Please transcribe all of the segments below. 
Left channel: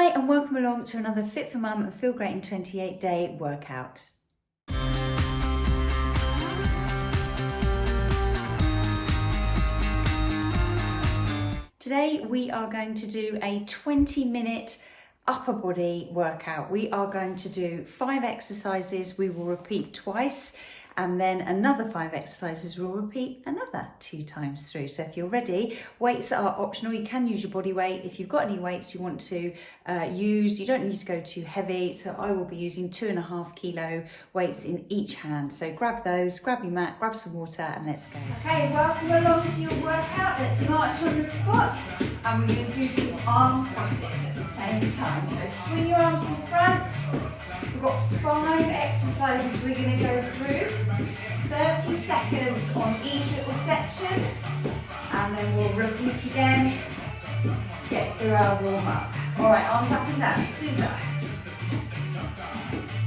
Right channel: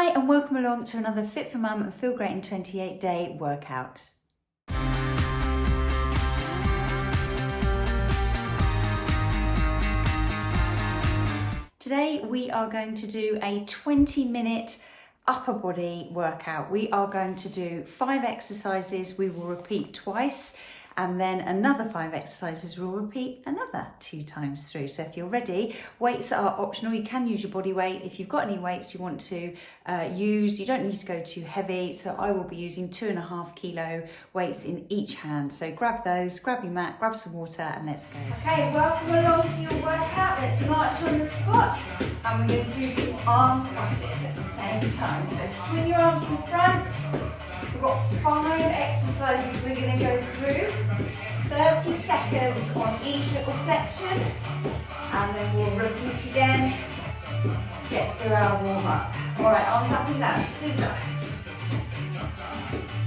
Hi and welcome along to another Fit for Mum and Feel Great in 28 day workout. Today we are going to do a 20-minute upper body workout. We are going to do 5 exercises. We will repeat twice, and then another 5 exercises we'll repeat another 2 times through. So if you're ready, weights are optional. You can use your body weight. If you've got any weights you want to use, you don't need to go too heavy. So I will be using 2.5 kilo weights in each hand. So grab those, grab your mat, grab some water, and let's go. Okay, welcome along to your workout. Let's march on the spot. And we're going to do some arm crosses at the same time. So swing your arms in front. We've got 5 exercises we're going to go through. 30 seconds on each little section. And then we'll repeat again. Get through our warm up. Alright, arms up and down. Scissor.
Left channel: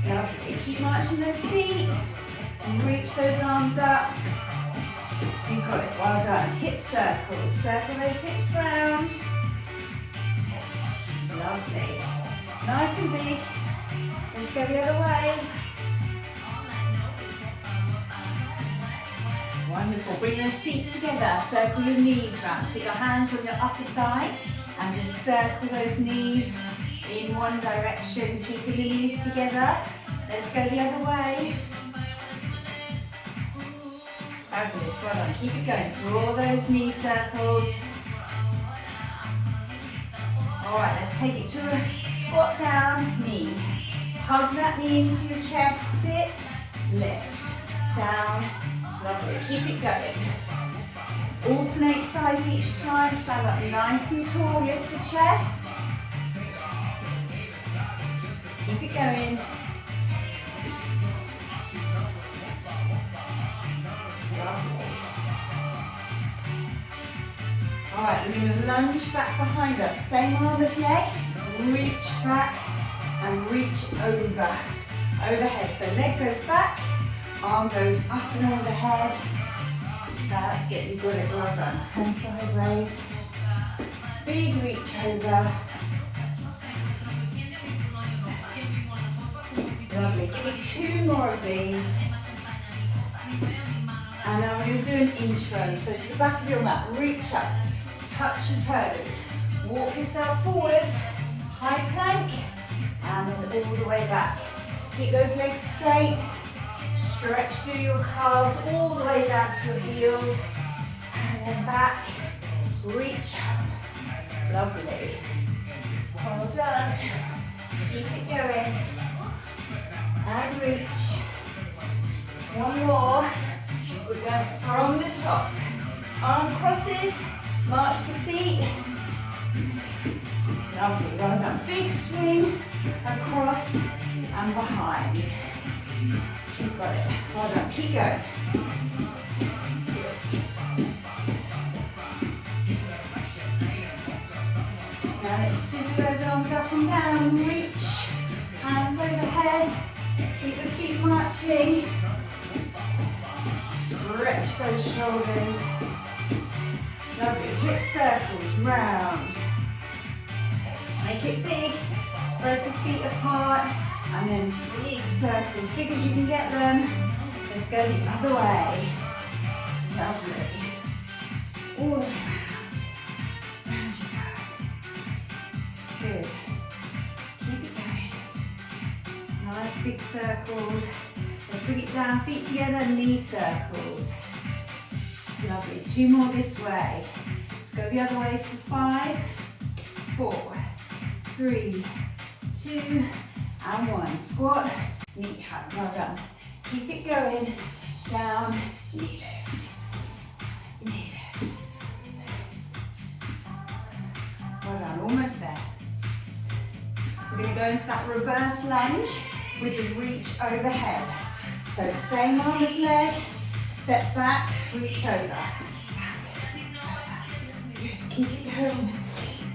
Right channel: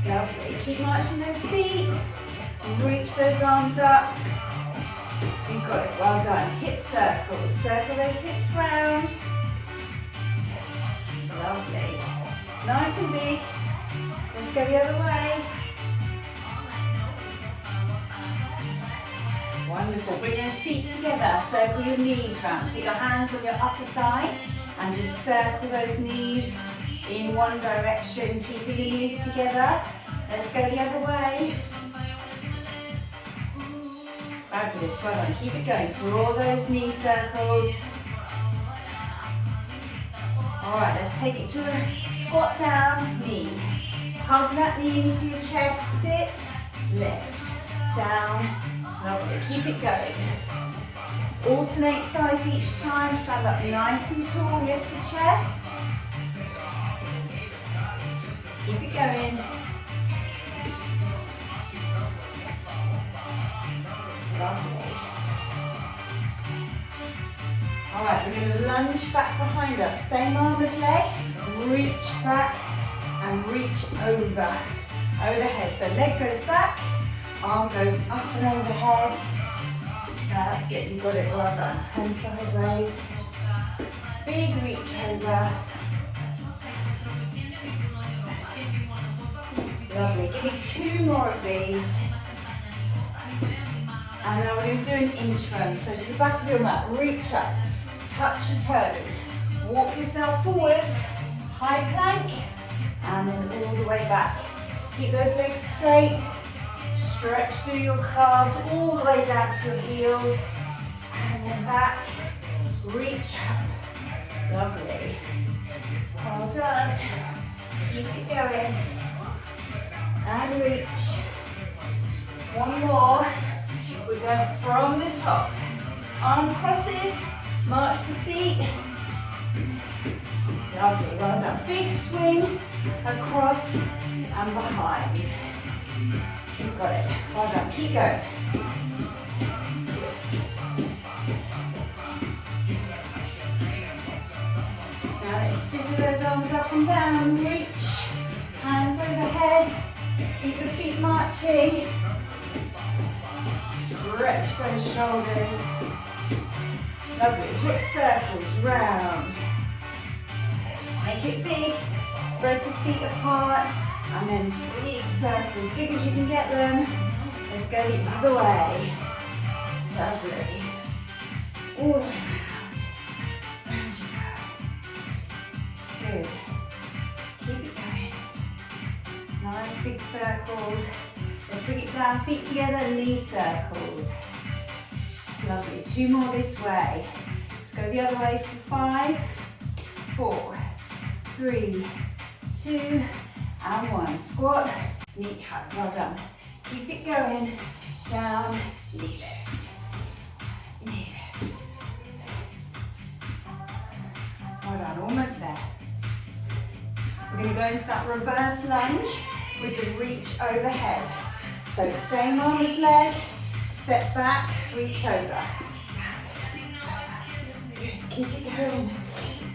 Lovely. Keep marching those feet. Reach those arms up. You got it, well done. Hip circles, circle those hips round. Lovely. Nice and big. Let's go the other way. Wonderful. Bring those feet together. Circle your knees round. Put your hands on your upper thigh and just circle those knees in one direction. Keeping the knees together. Let's go the other way. Fabulous, well done. Keep it going. Draw those knee circles. Alright, let's take it to a squat down, knee. Hug that knee into your chest. Sit, lift, down. Lovely. Keep it going. Alternate sides each time. Stand up nice and tall. Lift the chest. Keep it going. Lovely. Alright, we're going to lunge back behind us. Same arm as leg. Reach back and reach over. Overhead. So leg goes back, arm goes up and overhead. That's it, you got it, well done. Turn sideways. Big reach over. Lovely. Keep 2 more of these. And then we're going to do an inchworm. So to the back of your mat, reach up, touch your toes, walk yourself forwards, high plank, and then all the way back. Keep those legs straight, stretch through your calves all the way down to your heels, and then back, reach up. Lovely. Well done. Keep it going. And reach. One more. We're going from the top. Arm crosses, march the feet. Lovely, well done. Big swing across and behind. You've got it. Well done. Keep going. Now let's scissor those arms up and down. Reach. Hands overhead. Keep the feet marching. Stretch those shoulders. Lovely. Hip circles round. Make it big. Spread the feet apart. And then big circles, big as you can get them. Let's go the other way. Lovely. All the way around. Round you go. Good. Keep it going. Nice big circles. Let's bring it down, feet together, knee circles. Lovely. 2 more this way. Let's go the other way for 5, 4, 3, 2, and 1. Squat, knee hug. Well done. Keep it going. Down, knee lift. Knee lift. Well done. Almost there. We're going to go into that reverse lunge with the reach overhead. So same arm as leg, step back, reach over. Keep it going.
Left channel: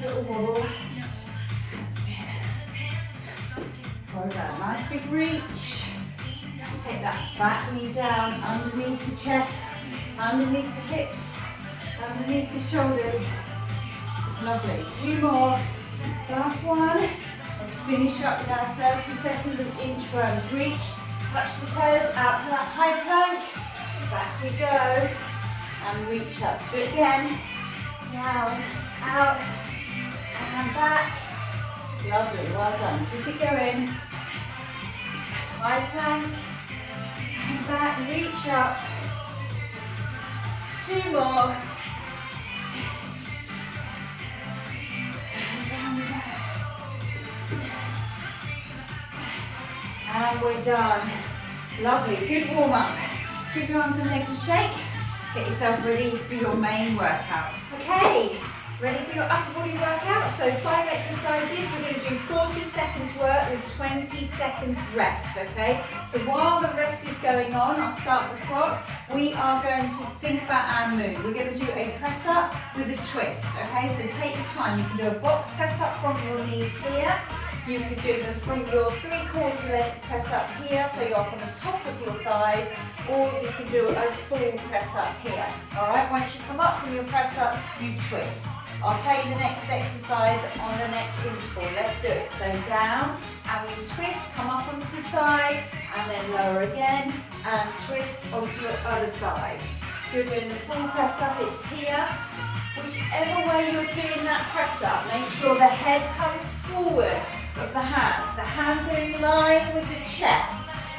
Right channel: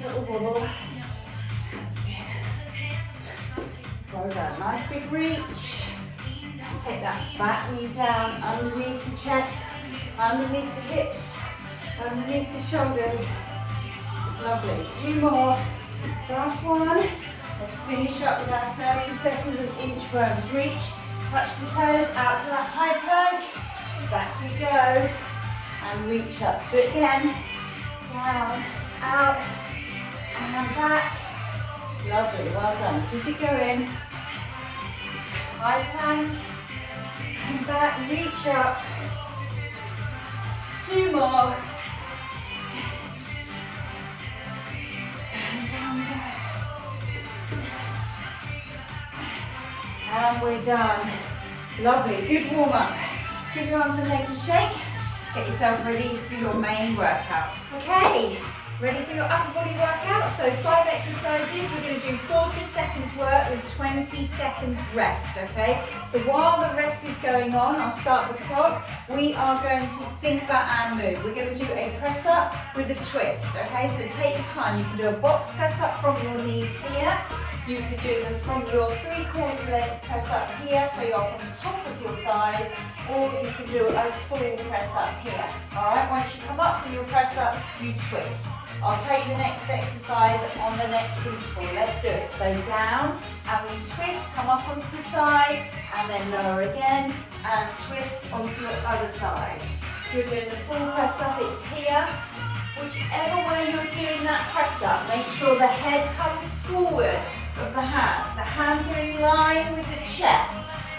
Little wobble. That's it. Well done. Nice big reach. Take that back knee down underneath the chest, underneath the hips, underneath the shoulders. Lovely. 2 more. Last one. Let's finish up with our 30 seconds of inchworms. Reach, touch the toes, out to that high plank. Back we go. And reach up. Do it again. Down, out, and back. Lovely, well done. Keep it going. High plank. And back, reach up. 2 more. And down we go. And we're done. Lovely, good warm up. Give your arms and legs a shake. Get yourself ready for your main workout. Okay, ready for your upper body workout? So 5 exercises, we're going to do 40 seconds work with 20 seconds rest, okay? So while the rest is going on, I'll start the clock. We are going to think about our move. We're going to do a press up with a twist, okay? So take your time. You can do a box press up from your knees here. You can do them from your 3/4 leg press up here, so you're up on the top of your thighs, or you can do a full press up here. All right, once you come up from your press up, you twist. I'll tell you the next exercise on the next interval. Let's do it. So down, and we twist, come up onto the side, and then lower again, and twist onto the other side. If you're doing the full press up, it's here. Whichever way you're doing that press up, make sure the head comes forward of the hands. The hands are in line with the chest.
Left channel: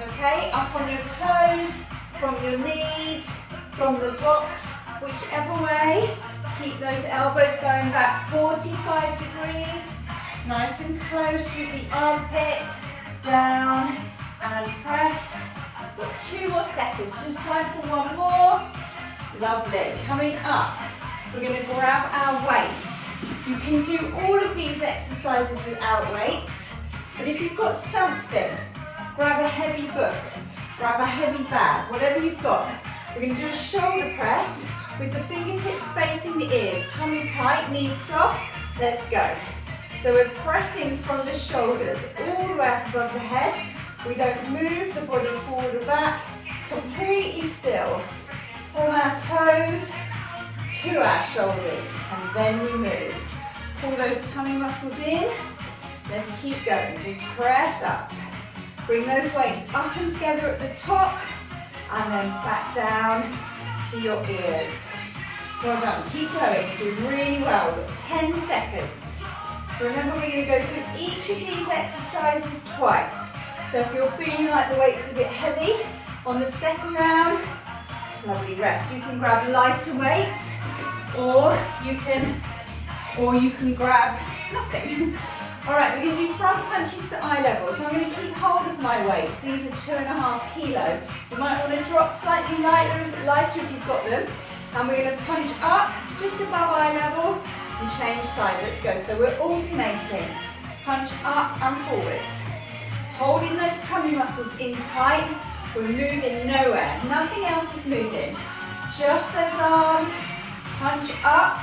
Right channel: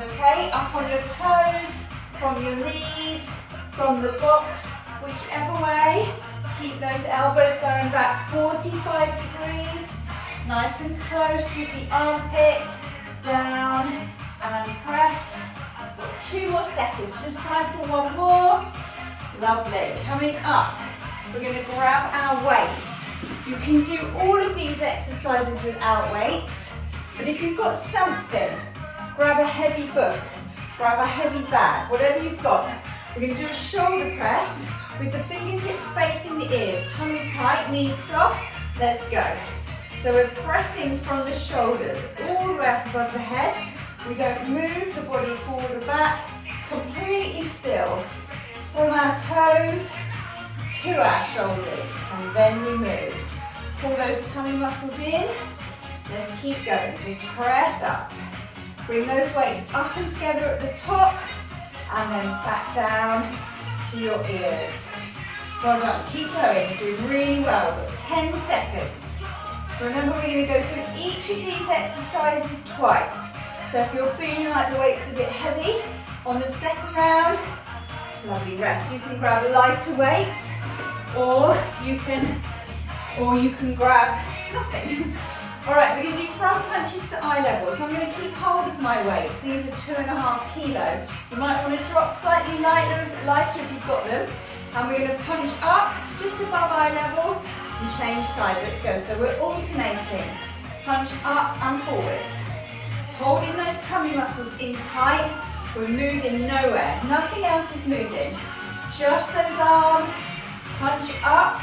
Okay, up on your toes, from your knees, from the box, whichever way. Keep those elbows going back 45 degrees. Nice and close with the armpits. Down and press. Got 2 more seconds, just time for 1 more. Lovely, coming up. We're going to grab our weights. You can do all of these exercises without weights, but if you've got something, grab a heavy book, grab a heavy bag, whatever you've got. We're going to do a shoulder press with the fingertips facing the ears, tummy tight, knees soft. Let's go. So we're pressing from the shoulders all the way up above the head. We don't move the body forward or back, completely still. From our toes to our shoulders, and then we move. Pull those tummy muscles in. Let's keep going. Just press up. Bring those weights up and together at the top, and then back down to your ears. Well done. Keep going. You're doing really well. We've got 10 seconds. Remember, we're going to go through each of these exercises twice. So if you're feeling like the weight's a bit heavy on the second round, lovely rest. You can grab lighter weights, or you can grab nothing. All right, we're going to do front punches to eye level. So I'm going to keep hold of my weights. These are 2.5 kilo. You might want to drop slightly lighter if you've got them. And we're going to punch up just above eye level and change sides. Let's go. So we're alternating. Punch up and forwards. Holding those tummy muscles in tight. We're moving nowhere. Nothing else is moving. Just those arms. Punch up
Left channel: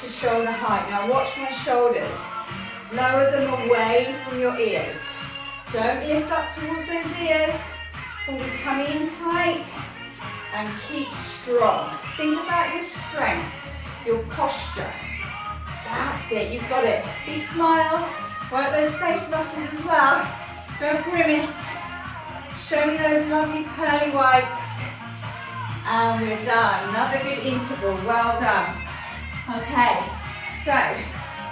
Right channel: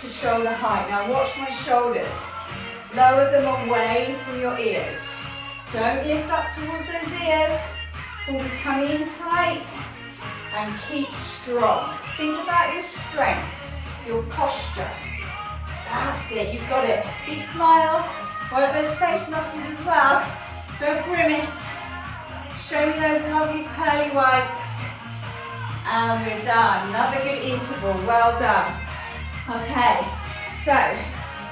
to shoulder height. Now watch my shoulders. Lower them away from your ears. Don't lift up towards those ears. Pull the tummy in tight and keep strong. Think about your strength, your posture. That's it, you've got it. Big smile. Work those face muscles as well. Don't grimace. Show me those lovely pearly whites. And we're done. Another good interval. Well done. Okay, so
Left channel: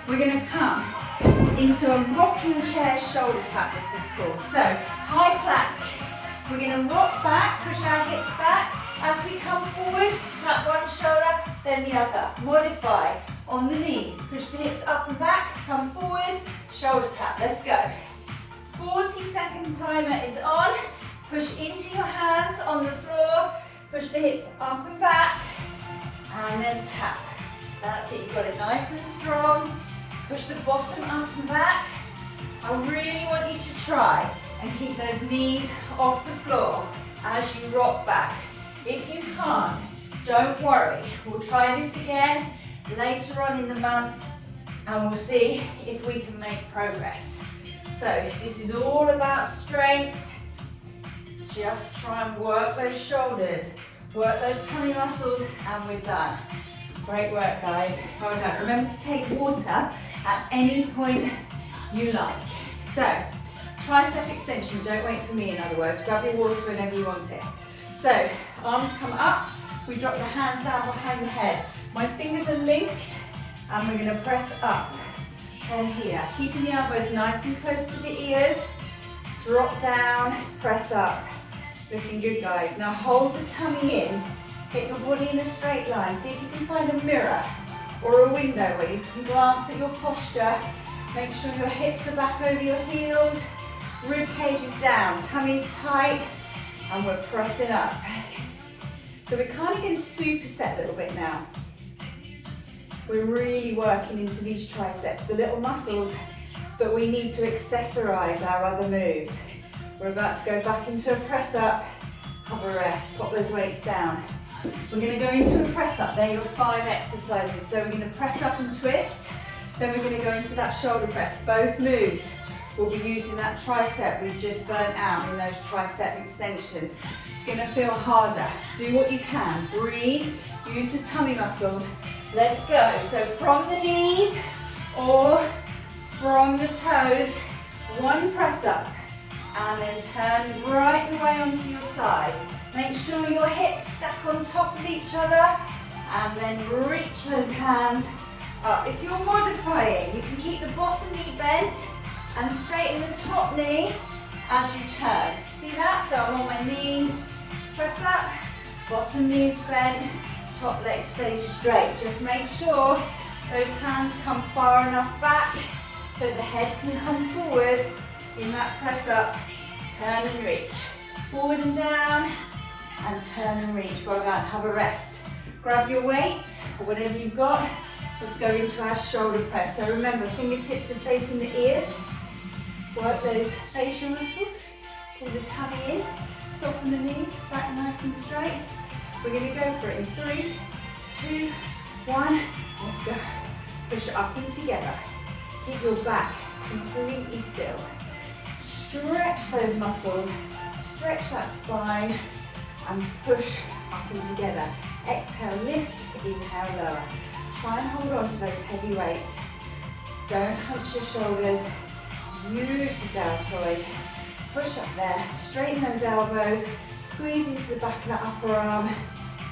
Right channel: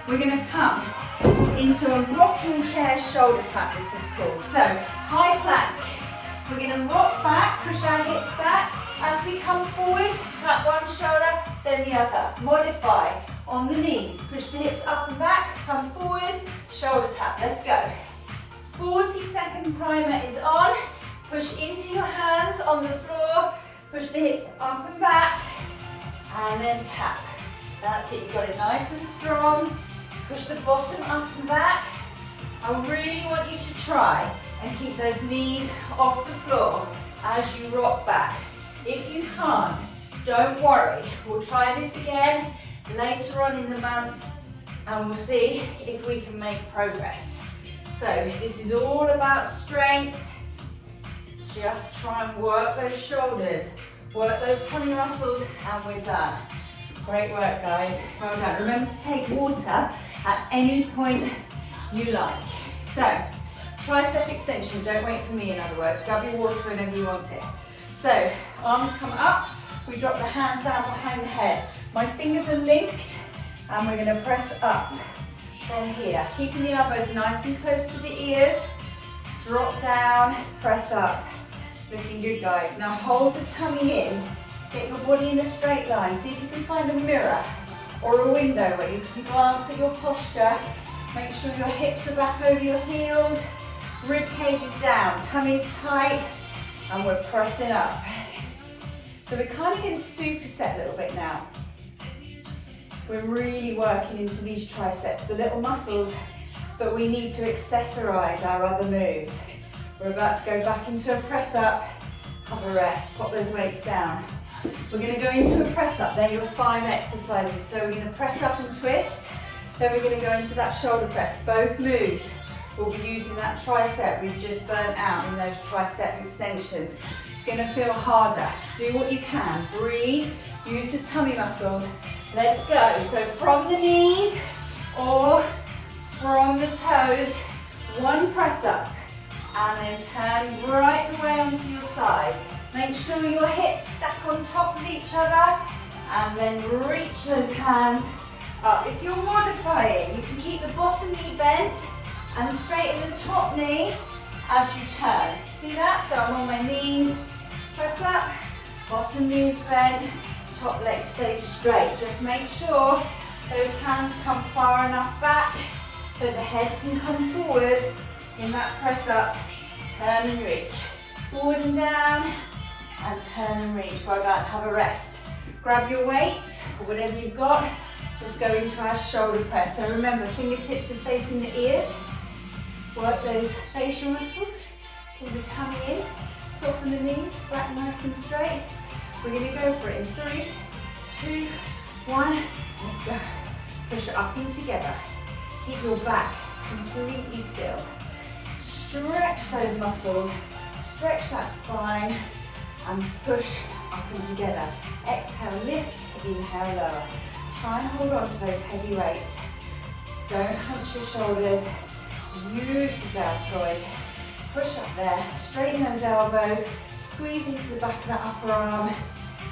we're going to come into a rocking chair shoulder tap, this is called. So, high plank. We're going to rock back, push our hips back. As we come forward, tap one shoulder, then the other. Modify on the knees. Push the hips up and back, come forward, shoulder tap. Let's go. 40-second timer is on. Push into your hands on the floor. Push the hips up and back, and then tap. That's it, you've got it nice and strong. Push the bottom up and back. I really want you to try and keep those knees off the floor as you rock back. If you can't, don't worry. We'll try this again later on in the month, and we'll see if we can make progress. So this is all about strength. Just try and work those shoulders, work those tummy muscles, and we're done. Great work, guys. Well done. Remember to take water at any point you like. So, tricep extension, don't wait for me in other words, grab your water whenever you want it. So, arms come up, we drop the hands down behind the head. My fingers are linked and we're going to press up from here. Keeping the elbows nice and close to the ears, drop down, press up. Looking good, guys. Now hold the tummy in, get your body in a straight line. See if you can find a mirror or a window where you can glance at your posture. Make sure your hips are back over your heels, rib cage is down, tummy's tight, and we're pressing up. So we're kind of going to superset a little bit now. We're really working into these triceps, the little muscles that we need to accessorize our other moves. We're about to go back into a press up, have a rest, pop those weights down. We're going to go into a press up, they're your 5 exercises. So we're going to press up and twist, then we're going to go into that shoulder press. Both moves will be using that tricep we've just burnt out in those tricep extensions. It's going to feel harder. Do what you can, breathe, use the tummy muscles. Let's go. So from the knees or from the toes, one press up and then turn right the way onto your side. Make sure your hips stack on top of each other and then reach those hands up. If you're modifying, you can keep the bottom knee bent and straighten the top knee as you turn. See that? So I'm on my knees, press up, bottom knees bent, top leg stays straight. Just make sure those hands come far enough back so the head can come forward in that press up. Turn and reach. Forward and down, and turn and reach. Well done, have a rest. Grab your weights, or whatever you've got. Let's go into our shoulder press. So remember, fingertips are facing the ears. Work those facial muscles. Pull the tummy in, soften the knees, back nice and straight. We're gonna go for it in 3, 2, 1, let's go. Push up and together. Keep your back completely still. Stretch those muscles, stretch that spine, and push up and together. Exhale, lift, inhale, lower. Try and hold on to those heavy weights. Don't hunch your shoulders, use the deltoid. Push up there, straighten those elbows, squeeze into the back of that upper arm.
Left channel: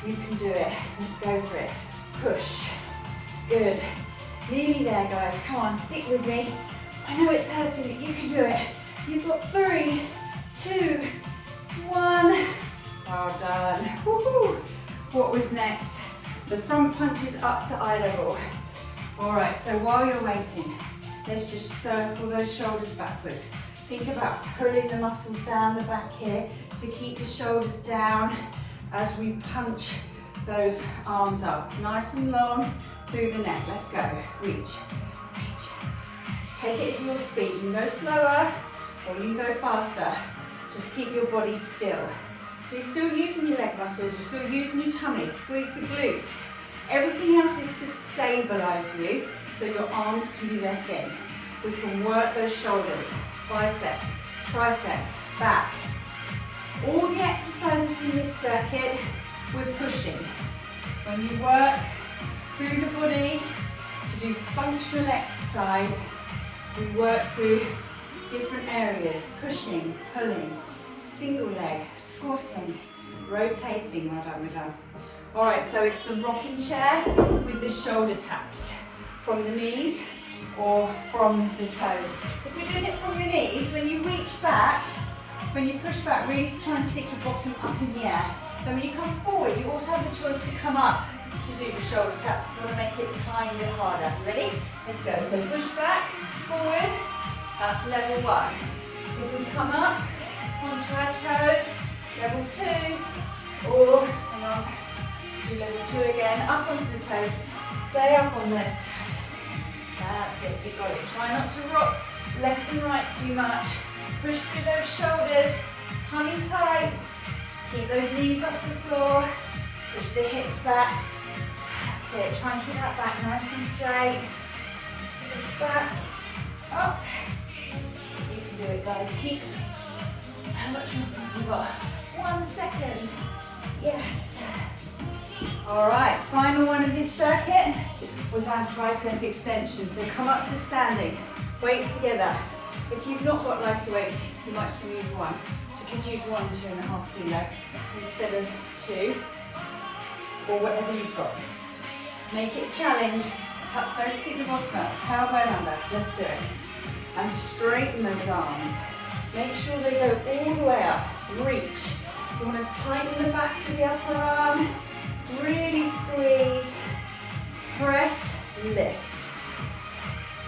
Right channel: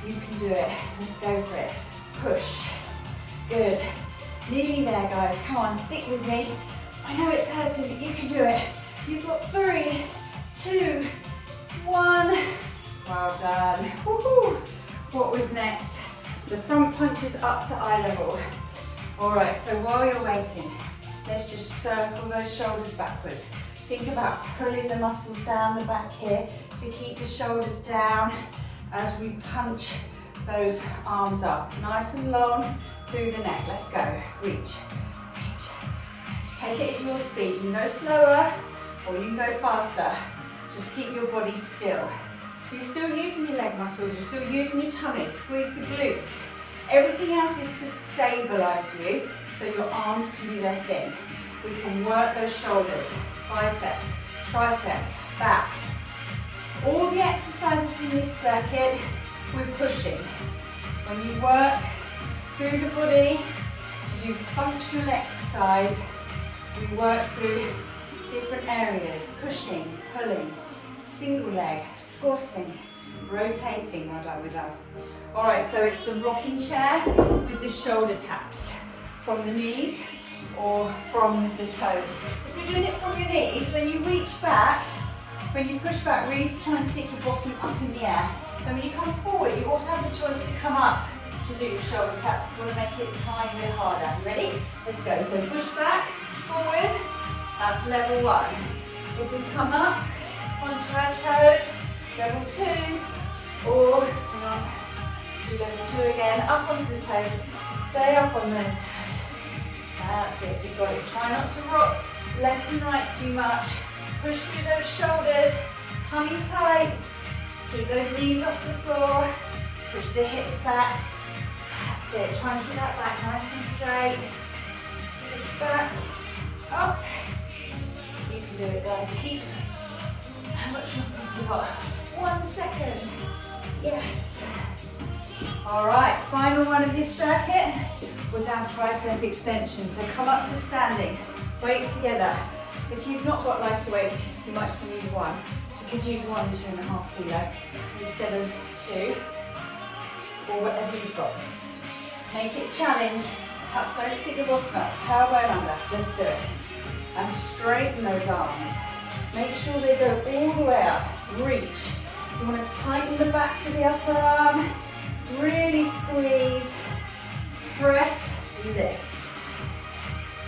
You can do it, let's go for it. Push, good. Nearly there, guys, come on, stick with me. I know it's hurting, but you can do it. You've got 3, 2, 1. Well done. Woohoo. What was next? The front punch is up to eye level. All right, so while you're waiting, let's just circle those shoulders backwards. Think about pulling the muscles down the back here to keep the shoulders down as we punch those arms up. Nice and long through the neck. Let's go. Reach, reach, reach. Take it at your speed. You can go slower or you can go faster. Just keep your body still. So you're still using your leg muscles, you're still using your tummy, squeeze the glutes. Everything else is to stabilize you so your arms can do their thing. We can work those shoulders, biceps, triceps, back. All the exercises in this circuit, we're pushing. When you work through the body to do functional exercise, we work through different areas, pushing, pulling, single leg, squatting, rotating. Well done, we're done. All right, so it's the rocking chair with the shoulder taps from the knees or from the toes. If you're doing it from your knees, when you reach back, when you push back, really try and stick your bottom up in the air. Then when you come forward, you also have the choice to come up to do your shoulder taps if you want to make it a tiny bit harder. Ready? Let's go. So push back, forward. That's level 1. If we come up onto our toes, level 2, or hang on, let's do level 2 again, up onto the toes, stay up on those toes. That's it, you've got it. Try not to rock left and right too much. Push through those shoulders, tummy tight, keep those knees off the floor, push the hips back. That's it, try and keep that back nice and straight. Lift back, up. You can do it, guys. Keep. How much more have you got? 1 second. Yes. All right, final one of this circuit was our tricep extension. So come up to standing. Weights together. If you've not got lighter weights, you might just want to use one. So you could use 1 2.5 kilo instead of 2, or whatever you've got. Make it a challenge. Tuck, don't stick the bottom out, tailbone under. Let's do it. And straighten those arms. Make sure they go all the way up. Reach. You want to tighten the backs of the upper arm. Really squeeze. Press, lift.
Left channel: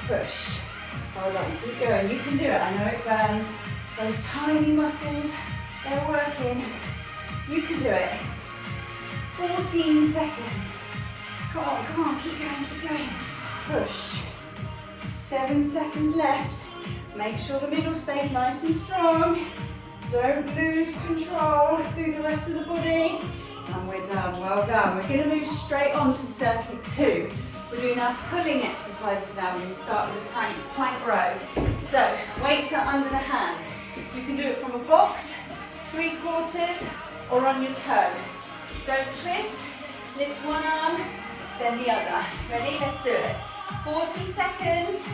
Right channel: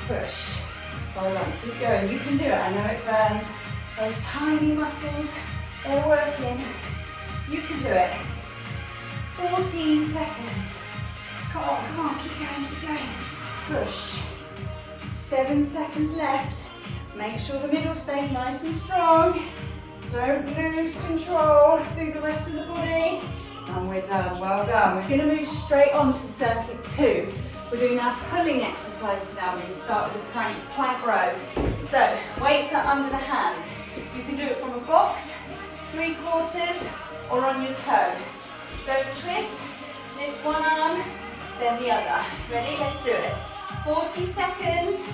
Push. Hold on, keep going. You can do it. I know it burns. Those tiny muscles, they're working. You can do it. 14 seconds. Come on, keep going. Push. 7 seconds left. Make sure the middle stays nice and strong. Don't lose control through the rest of the body. And we're done, well done. We're gonna move straight on to circuit 2. We're doing our pulling exercises now. We're gonna start with a plank row. So, weights are under the hands. You can do it from a box, 3/4, or on your toe. Don't twist, lift one arm, then the other. Ready? Let's do it. 40 seconds,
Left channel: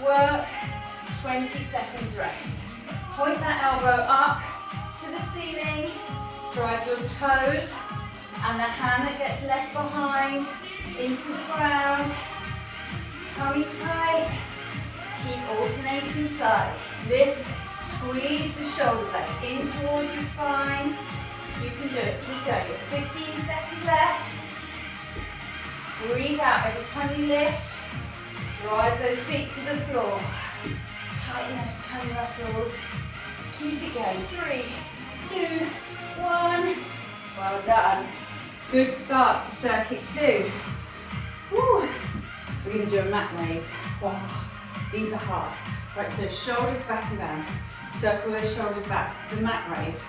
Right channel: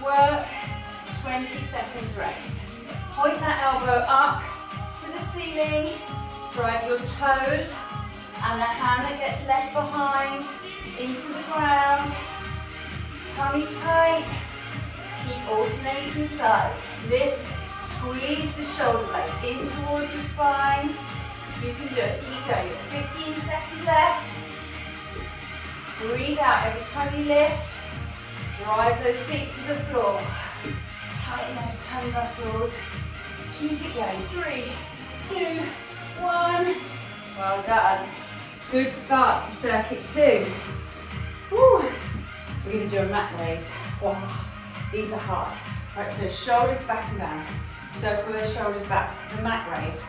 work, 20 seconds rest. Point that elbow up to the ceiling, drive your toes, and the hand that gets left behind into the ground. Tummy tight, keep alternating sides. Lift, squeeze the shoulder blade in towards the spine. You can do it, keep going. 15 seconds left. Breathe out every time you lift. Drive those feet to the floor. Tighten those tummy muscles. Keep it going. 3, 2, 1. Well done. Good start to circuit 2. Whew. We're going to do a mat raise. Wow. These are hard. Right, so shoulders back and down. Circle those shoulders back. The mat raise.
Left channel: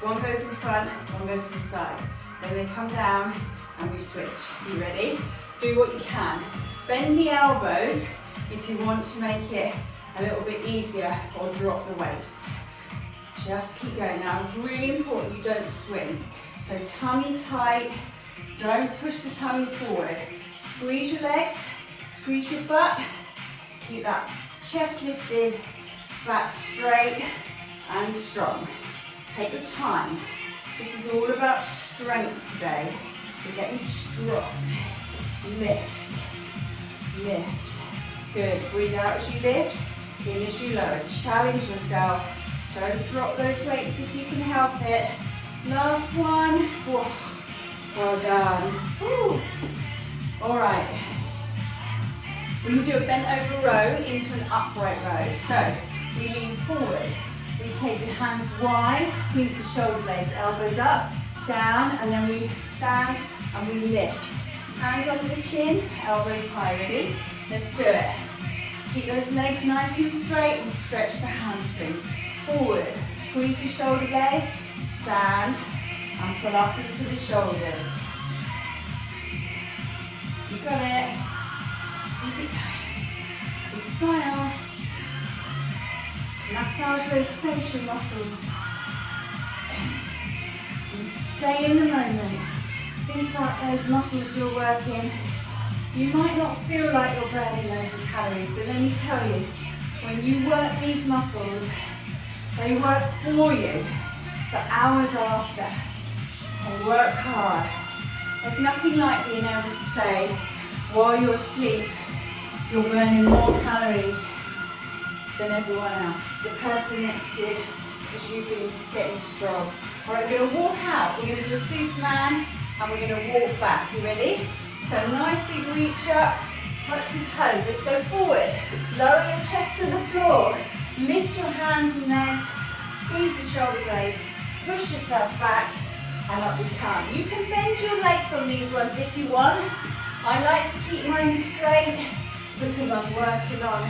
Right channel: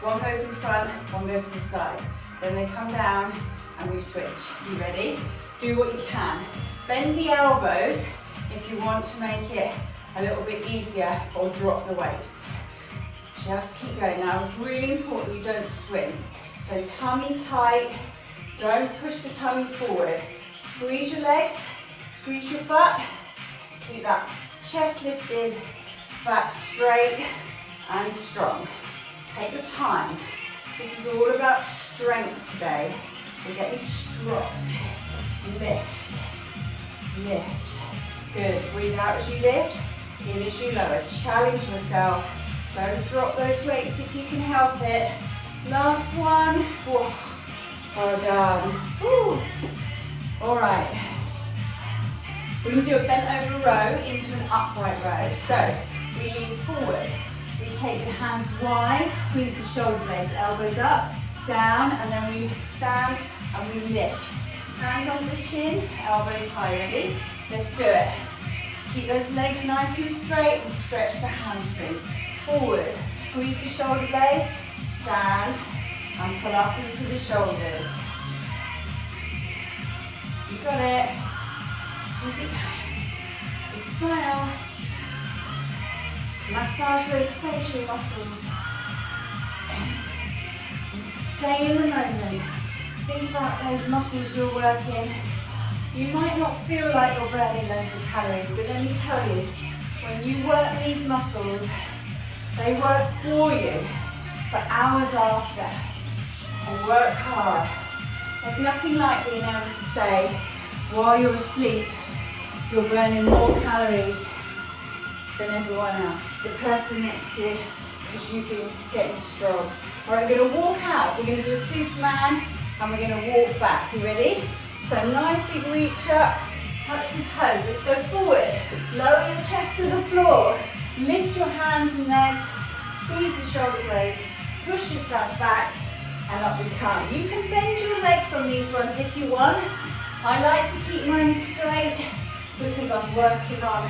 One goes in front, one goes to the side. Then they come down and we switch. You ready? Do what you can. Bend the elbows if you want to make it a little bit easier, or drop the weights. Just keep going. Now it's really important you don't swing. So tummy tight, don't push the tummy forward. Squeeze your legs, squeeze your butt, keep that chest lifted, back straight and strong. Take your time. This is all about strength today. We're getting strong. Lift, lift. Good. Breathe out as you lift, in as you lower. Challenge yourself. Don't drop those weights if you can help it. Last one. Whoa. Well done. Woo. All right. We're going to do a bent over row into an upright row. So we lean forward. We take the hands wide, squeeze the shoulder blades, elbows up, down, and then we stand and we lift. Hands on the chin, elbows high. Ready? Let's do it. Keep those legs nice and straight and stretch the hamstring. Forward, squeeze the shoulder blades, stand and pull up into the shoulders. You got it. Keep it going. Big smile. Massage those facial muscles. And stay in the moment. Think about those muscles you're working. You might not feel like you're burning loads of calories, but let me tell you, when you work these muscles, they work for you for hours after. They work hard. There's nothing like being able to say, while you're asleep, you're burning more calories than everyone else. The person next to you, because you've been getting strong. Right, we're going to walk out. We're going to do a Superman, and we're going to walk back. You ready? So nice big reach up, touch the toes. Let's go forward. Lower your chest to the floor. Lift your hands and legs. Squeeze the shoulder blades. Push yourself back, and up we come. You can bend your legs on these ones if you want. I like to keep mine straight because I'm working on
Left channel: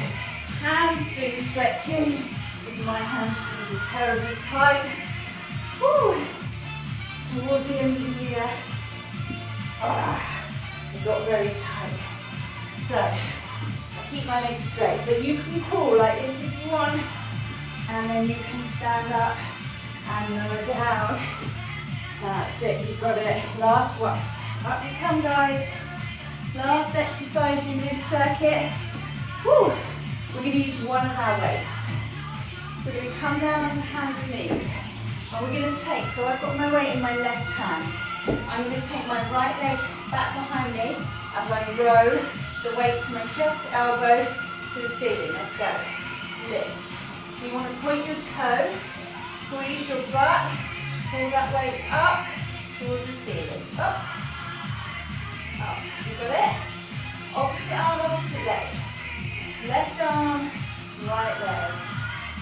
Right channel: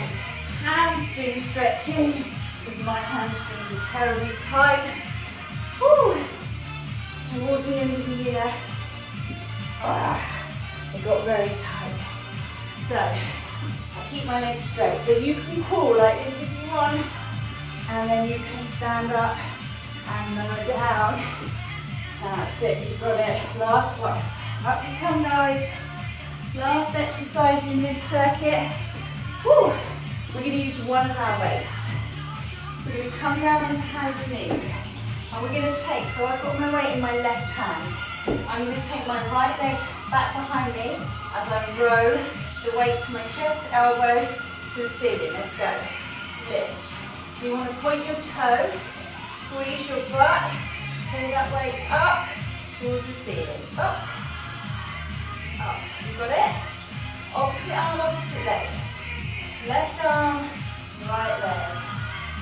hamstring stretching, because my hamstrings are terribly tight. Whew. Towards the end of the year, they got very tight. So, I keep my legs straight, but you can crawl like this if you want, and then you can stand up and lower down. That's it, you got it. Last one. Up you come, guys. Last exercise in this circuit. Whew. we're going to use one of our weights. We're going to come down onto hands and knees. And we're going to take, so I've got my weight in my left hand. I'm going to take my right leg back behind me as I row the weight to my chest, elbow to the ceiling. Let's go. Lift. So you want to point your toe, squeeze your butt, pull that weight up towards the ceiling. Up. Up. You got it? Opposite arm, opposite leg. Left arm, right leg.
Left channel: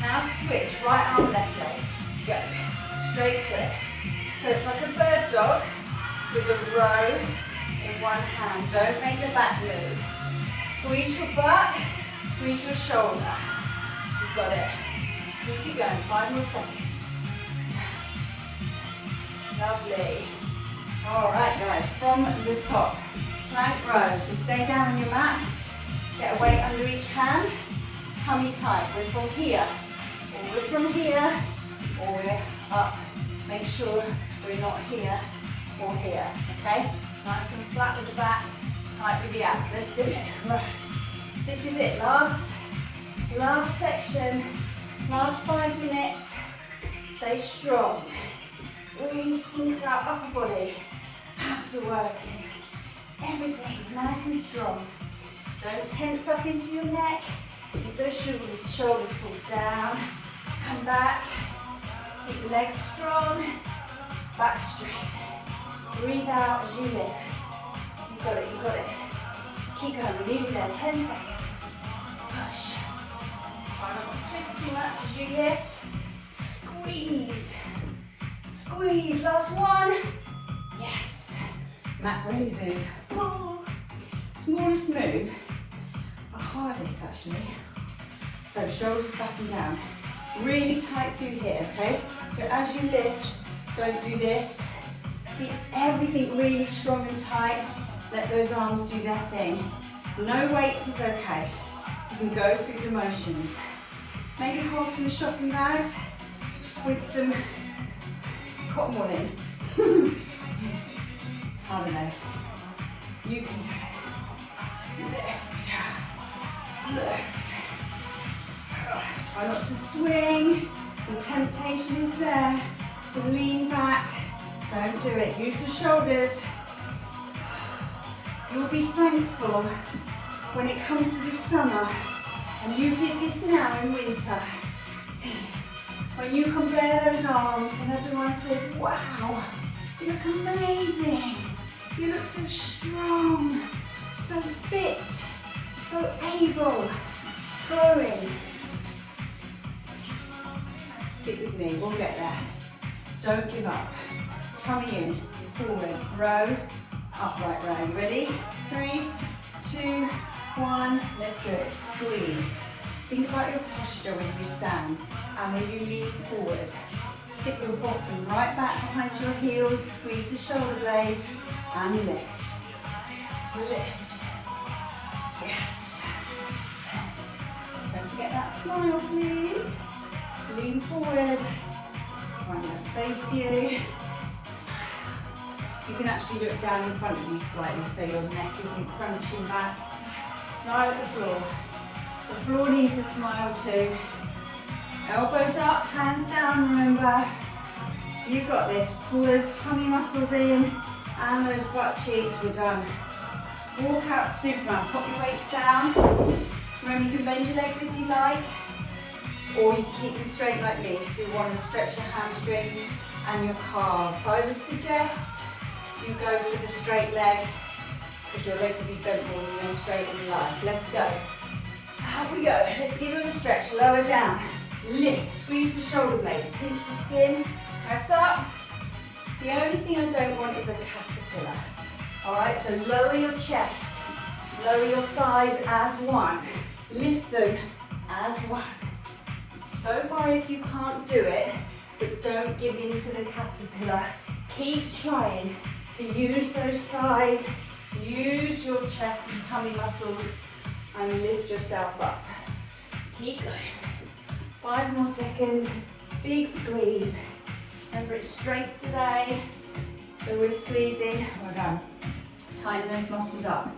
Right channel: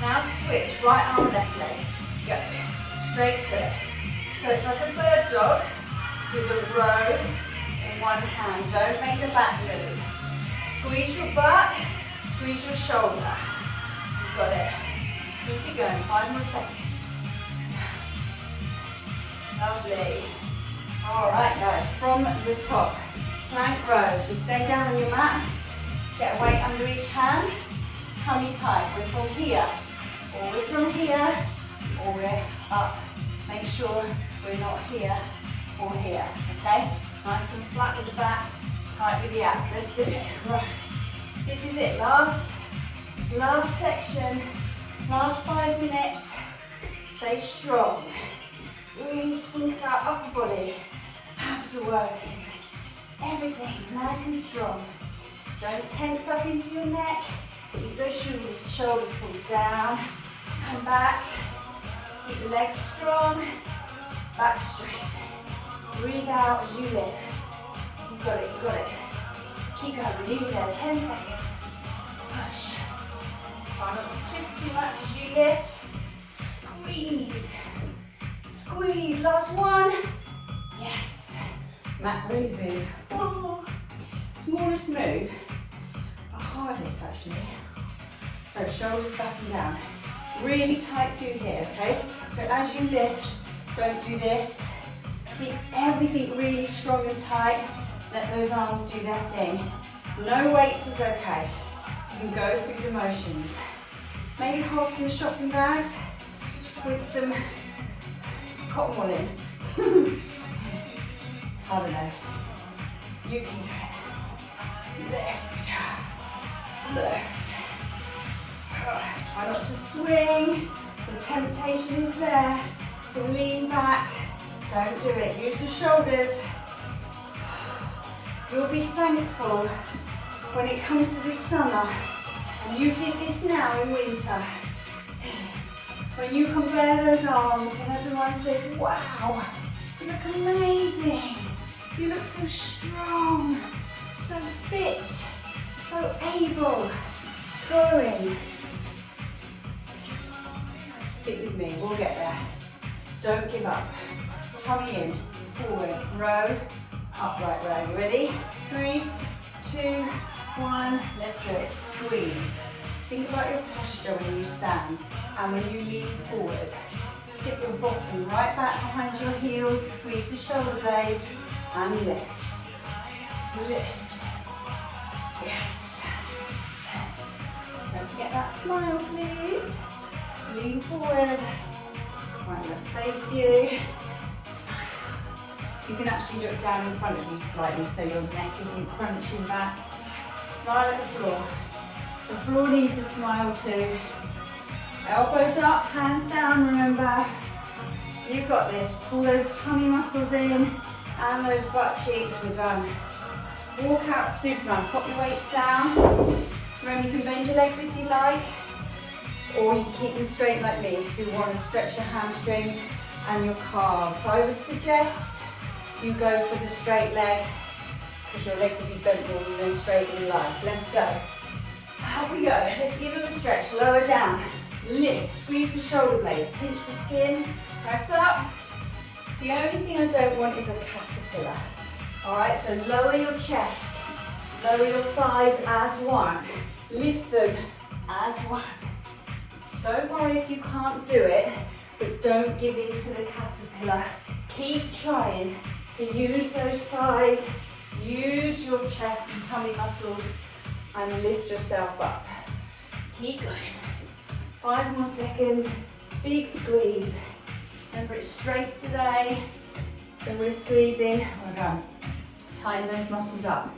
Now switch, right arm, left leg. Go. Straight to it. So it's like a bird dog with a row in one hand. Don't make the back move. Squeeze your butt, squeeze your shoulder. You've got it. Keep it going, 5 more seconds. Lovely. All right, guys, from the top, plank row. So stay down on your mat, get a weight under each hand, tummy tight. We're from here, or we're from here, or we're up. Make sure we're not here or here, okay? Nice and flat with the back, tight with the abs. Let's do it. Right. This is it, last section, last 5 minutes. Stay strong. Really think about upper body. Abs are working. Everything nice and strong. Don't tense up into your neck. Keep those shoulders pulled down. Come back. Keep the legs strong. Back straight. Breathe out as you lift. You've got it, you've got it. Keep going, we're nearly there. 10 seconds. Push. Try not to twist too much as you lift. Squeeze. Squeeze. Last one. Yes. Mat bruises. Oh. Smallest move, but hardest actually. So shoulders back and down. Really tight through here, okay? So as you lift, don't do this. Keep everything really strong and tight. Let those arms do their thing. No weights is okay. You can go through the motions. Maybe hold some shopping bags with some cotton wool in. I don't know. You can do it. Lift. Lift. Try not to swing. The temptation is there. So lean back. Don't do it. Use the shoulders. You'll be thankful when it comes to the summer and you did this now in winter. When you can bare those arms and everyone says, wow, you look amazing. You look so strong, so fit, so able. Growing. Stick with me, we'll get there. Don't give up. Tummy in, forward, row, upright row. You ready? 3, 2, 1, let's do it. Squeeze. Think about your posture when you stand and when you lean forward. Stick your bottom right back behind your heels, squeeze the shoulder blades and lift. Lift. Yes. Don't forget that smile, please. Lean forward. I'm going to face you. Smile. You can actually look down in front of you slightly so your neck isn't crunching back. Smile at the floor. The floor needs a smile too. Elbows up, hands down, remember. You've got this. Pull those tummy muscles in and those butt cheeks. We're done. Walk out Superman. Pop your weights down. Remember, you can bend your legs if you like, or you can keep them straight like me if you want to stretch your hamstrings and your calves. I would suggest you go for the straight leg because your legs will be bent more than straight in life. Let's go. Out we go. Let's give them a stretch. Lower down. Lift. Squeeze the shoulder blades. Pinch the skin. Press up. The only thing I don't want is a caterpillar. Alright, so lower your chest. Lower your thighs as one. Lift them as one. Don't worry if you can't do it, but don't give in to the caterpillar. Keep trying to use those thighs, use your chest and tummy muscles, and lift yourself up. Keep going. 5 more seconds. Big squeeze. Remember, it's strength today, so we're squeezing. Well done. Tighten those muscles up.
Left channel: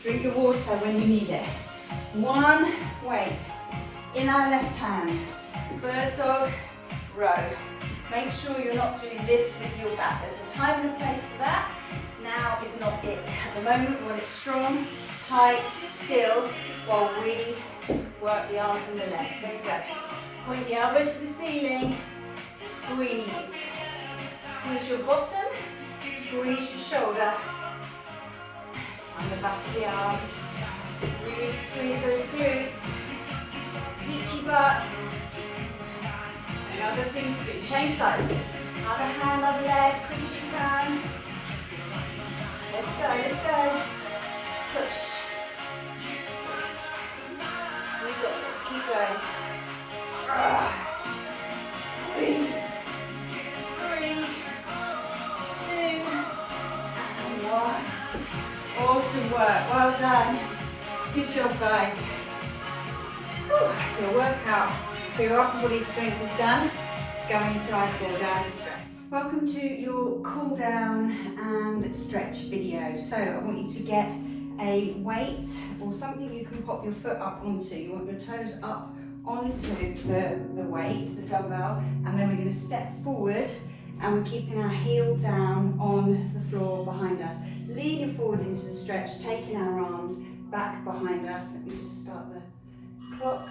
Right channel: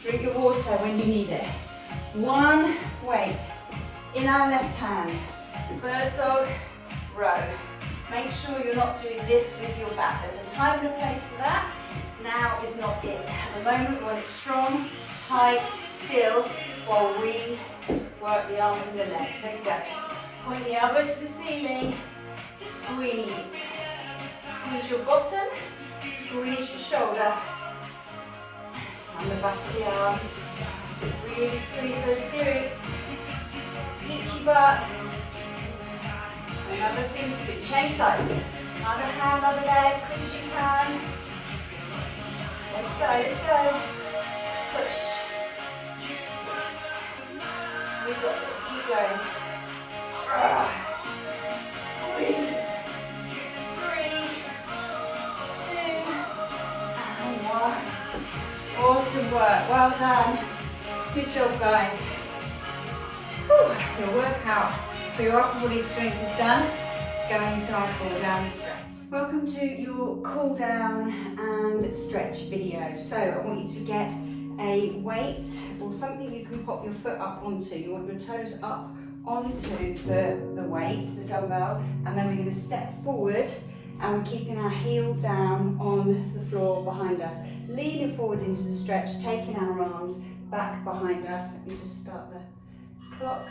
Drink your water when you need it. 1 weight in our left hand. Bird dog, row. Make sure you're not doing this with your back. There's a time and a place for that. Now is not it. At the moment, while it's strong, tight, still, while we work the arms and the legs. Let's go. Point the elbows to the ceiling. Squeeze. Squeeze your bottom. Squeeze your shoulder. And the back of the arm. Really squeeze those glutes. Peachy butt. Another thing to do. Change sides. Other hand, other leg, quick as you can. Let's go, let's go. Push. Yes. We've got this. Keep going. Squeeze. 3, 2, and 1. Awesome work. Well done. Good job, guys. Whew. Your workout for your upper body strength is done. Let's go into our cool down and stretch. Welcome to your cool down and stretch video. So I want you to get a weight or something you can pop your foot up onto. You want your toes up onto the weight, the dumbbell, and then we're going to step forward and we're keeping our heel down on the floor behind us. Leaning forward into the stretch, taking our arms back behind us. Let me just start the clock.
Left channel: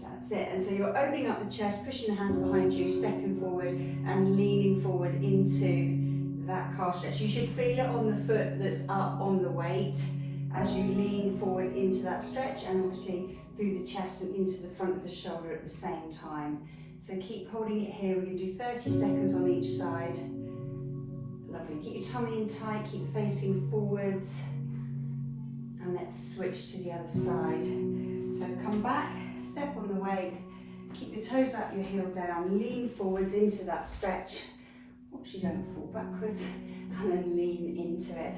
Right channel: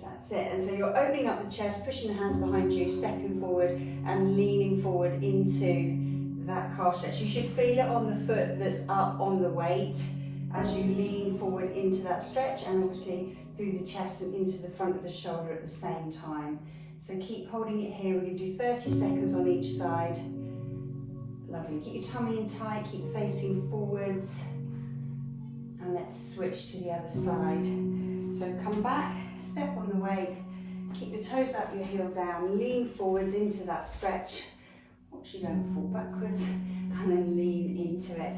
That's it. And so you're opening up the chest, pushing the hands behind you, stepping forward and leaning forward into that calf stretch. You should feel it on the foot that's up on the weight as you lean forward into that stretch, and obviously through the chest and into the front of the shoulder at the same time. So keep holding it here. We're going to do 30 seconds on each side. Lovely. Keep your tummy in tight, keep facing forwards. And let's switch to the other side. So come back, step on the weight, keep your toes up, your heel down, lean forwards into that stretch. Watch you don't fall backwards, and then lean into it.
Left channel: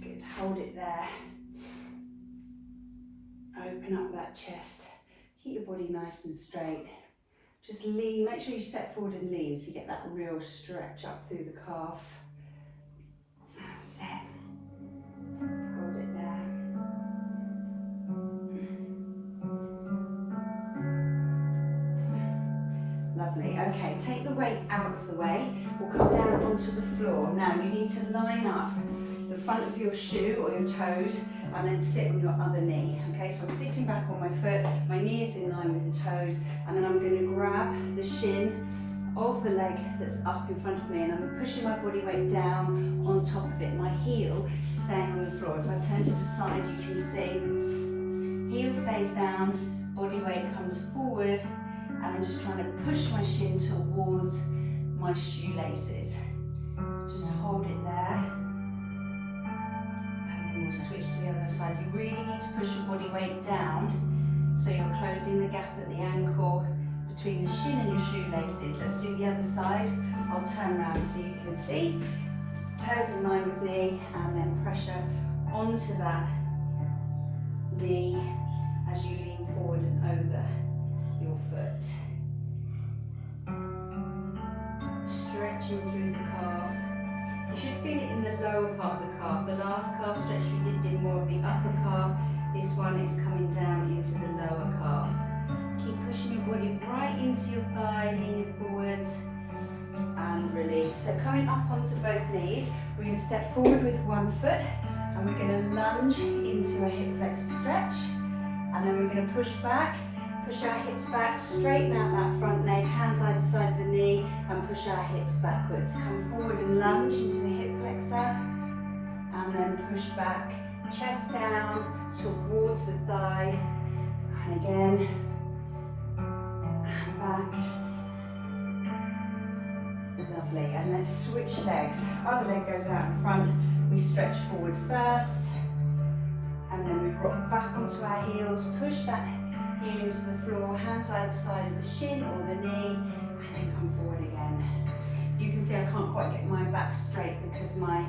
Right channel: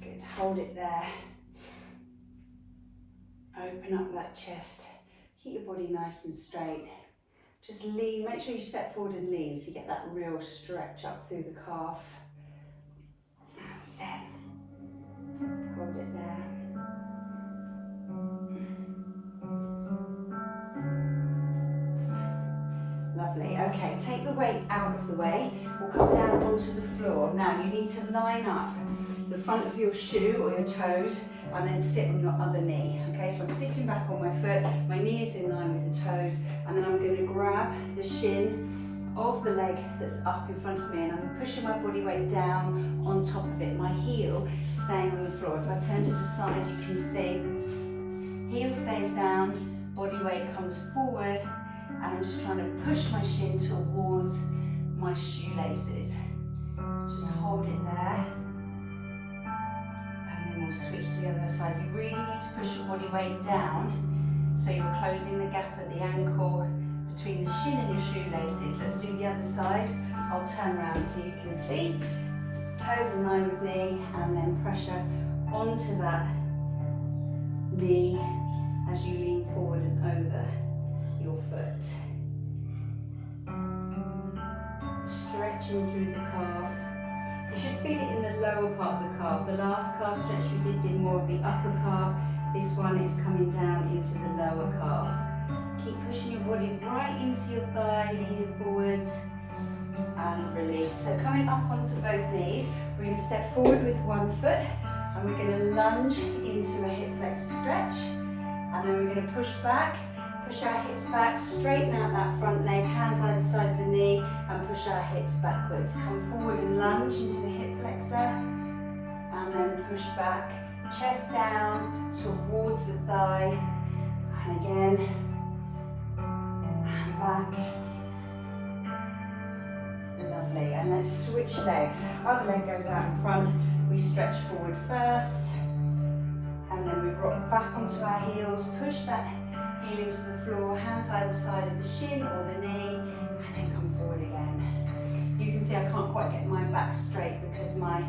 Good, hold it there. Open up that chest, keep your body nice and straight. Just lean, make sure you step forward and lean so you get that real stretch up through the calf. That's it. Hold it there. Lovely. Okay, take the weight out of the way. We'll come down onto the floor. Now you need to line up the front of your shoe or your toes and then sit on your other knee. Okay, so I'm sitting back on my foot, my knee is in line with the toes, and then I'm going to grab the shin of the leg that's up in front of me, and I'm pushing my body weight down on top of it, my heel staying on the floor. If I turn to the side, you can see heel stays down, body weight comes forward, and I'm just trying to push my shin towards my shoelaces. Just hold it there. And then we'll switch to the other side. You really need to push your body weight down so you're closing the gap at the ankle between the shin and your shoelaces. Let's do the other side. I'll turn around so you can see. Toes in line with knee, and then pressure onto that knee as you lean forward and over your foot. Stretching through the calf. You should feel it in the lower part of the calf. The last calf stretch we did more of the upper calf. This one is coming down into the lower calf. Keep pushing your body right into your thigh, leaning forwards and release. So coming up onto both knees, we're going to step forward with one foot and we're going to lunge into a hip flexor stretch, and then we're going to push back, push our hips back, straighten out that front leg, hands either side of the knee, and push our hips backwards. Come forward and lunge into the hip flexor, and then push back, chest down towards the thigh, and again, and back. Lovely, and let's switch legs. Other leg goes out in front, we stretch forward first, and then we rock back onto our heels, push that heel into the floor, hands either side of the shin or the knee, and then come forward again. You can see I can't quite get my back straight because my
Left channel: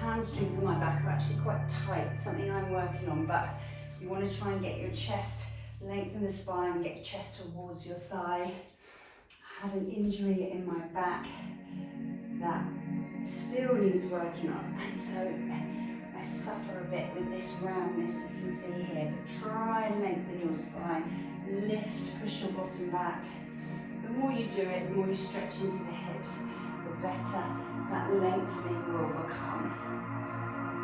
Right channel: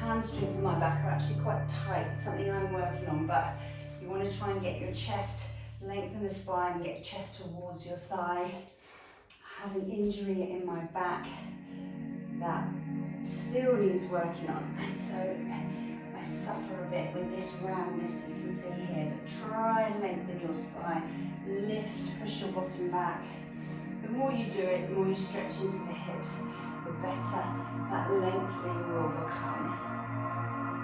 hamstrings and my back are actually quite tight, something I'm working on, but you want to try and get your chest, lengthen the spine, get your chest towards your thigh. I had an injury in my back that still needs working on, and so I suffer a bit with this roundness that you can see here, but try and lengthen your spine. Lift, push your bottom back. The more you do it, the more you stretch into the hips, the better that lengthening will become.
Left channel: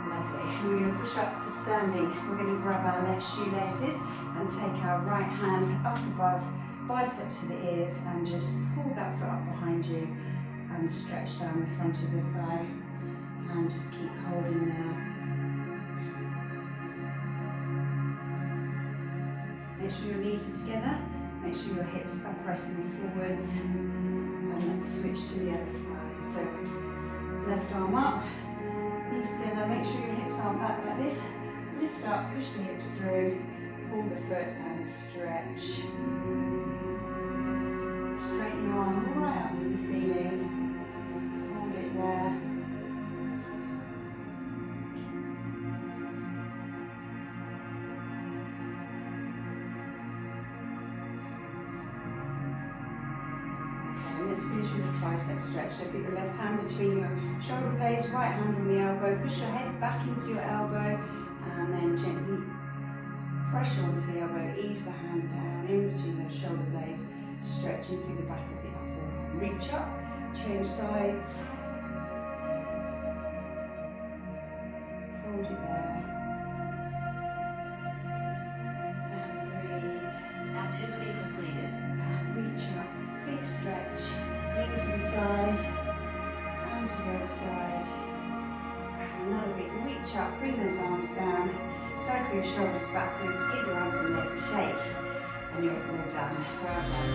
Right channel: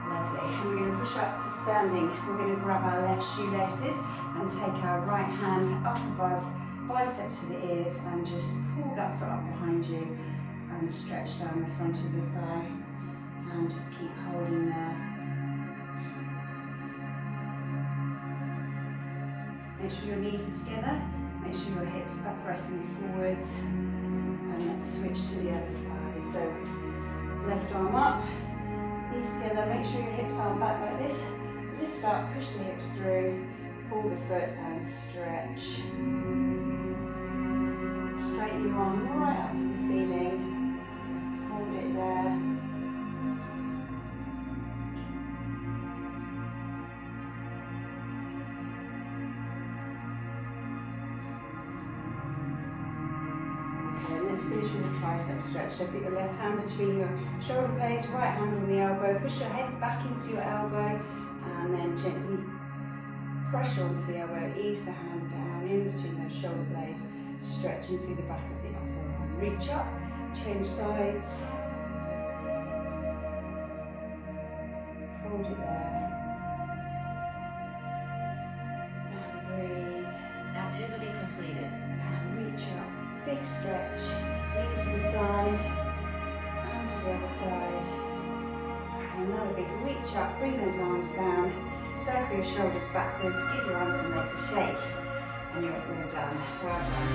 Lovely. And we're going to push up to standing. We're going to grab our left shoelaces and take our right hand up above, biceps to the ears, and just pull that foot up behind you and stretch down the front of the thigh. And just keep holding there. Make sure your knees are together. Make sure your hips are pressing forwards. And let's switch to the other side. So left arm up, knees together. Make sure your hips aren't back like this. Lift up, push the hips through, pull the foot and stretch. Straighten your arm right up to the ceiling. Hold it there. Let's finish with a tricep stretch. So put your left hand between your shoulder blades, right hand on the elbow, push your head back into your elbow, and then gently pressure onto the elbow, ease the hand down in between those shoulder blades, stretching through the back of the upper arm. Reach up, change sides, hold it there, and breathe. Activity completed. And reach up, big stretch. Lean to the side, and to the other side, and another big reach up, bring those arms down, circle your shoulders backwards, give your arms and legs a shake, and you're all done. Well done.